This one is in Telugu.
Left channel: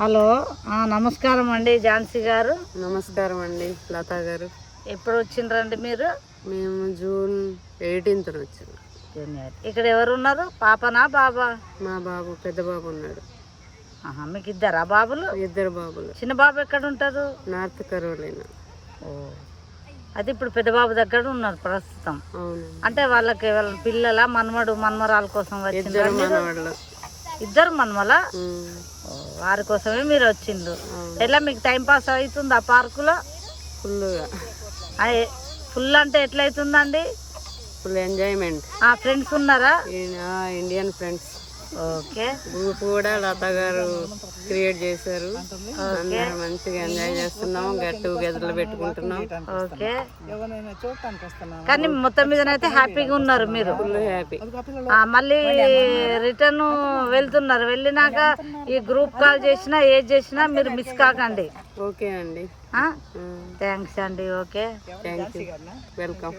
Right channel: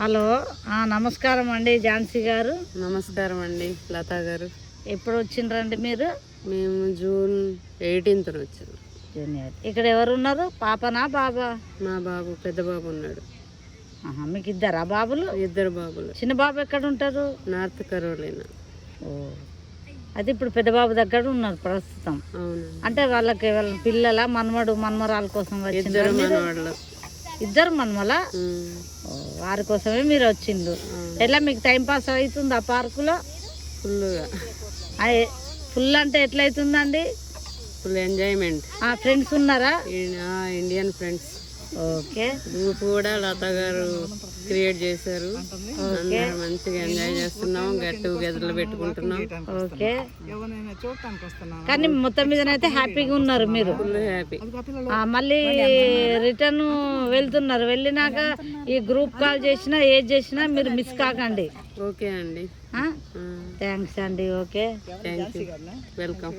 హలో నమస్కారం అండి ఝాన్సీ గారు. నమస్కారం అండి లతా గారు. ఎప్పుడు వచ్చిండ్రండి మీరు? మేము జూన్ 18th వచ్చాము. ఇక్కడ ఎవరు ఉన్నారు? పాపనా బాబా? మా బాబు పెద్ద బాబు ఉన్నాడు. మీకు ఇద్దరా బాబులు? ఇద్దరు బాబులు. చిన్న బాబు ఎక్కడ ఉంటారు? North Carolina. అది ఇప్పుడు పెద్ద బాబు దగ్గర ఉన్నారు ప్రస్తుతం. అవునండి. అంటే వాళ్ళకి వాళ్ళ పిల్లల మనమడు మనమరాల కోసం ఇద్దరు మనవాళ్ళు. ఇద్దరు మనమల వారి కోసమే మీరు వచ్చిండ్రు. ఎట్లా మీకు టైం పాస్ అవుతుంది ఆ పార్కులో? ఫుల్గా. ఫుల్ అంటే ఎట్లా అవుతుందండి? Full enjoyment. ఫ్రెండ్స్ ఉన్నారా? Indian friends. ఓకే. గ్రూప్ కూడా లతా గారు క్రియేట్ చేశారు. అందరూ మంచిగా ఎంజాయ్ చేస్తున్నాము. గెట్ టుగెదర్లు పెట్టుకుంటున్నాం. ఓకే. కానీ మొత్తం మీదనైతే హ్యాపీగా ఉన్నారు మీరు? Full happy. మళ్ళీ రిటర్న్ వెళ్తున్నారు. వెళ్ళినాక ఈ గ్రూప్ కాల్ చేసినా ఏది చేసినా మీరు మిస్ కాకండి. ఓకే అండి. థ్యాంక్స్ అండి. Okay, thank you. వెల్కమ్.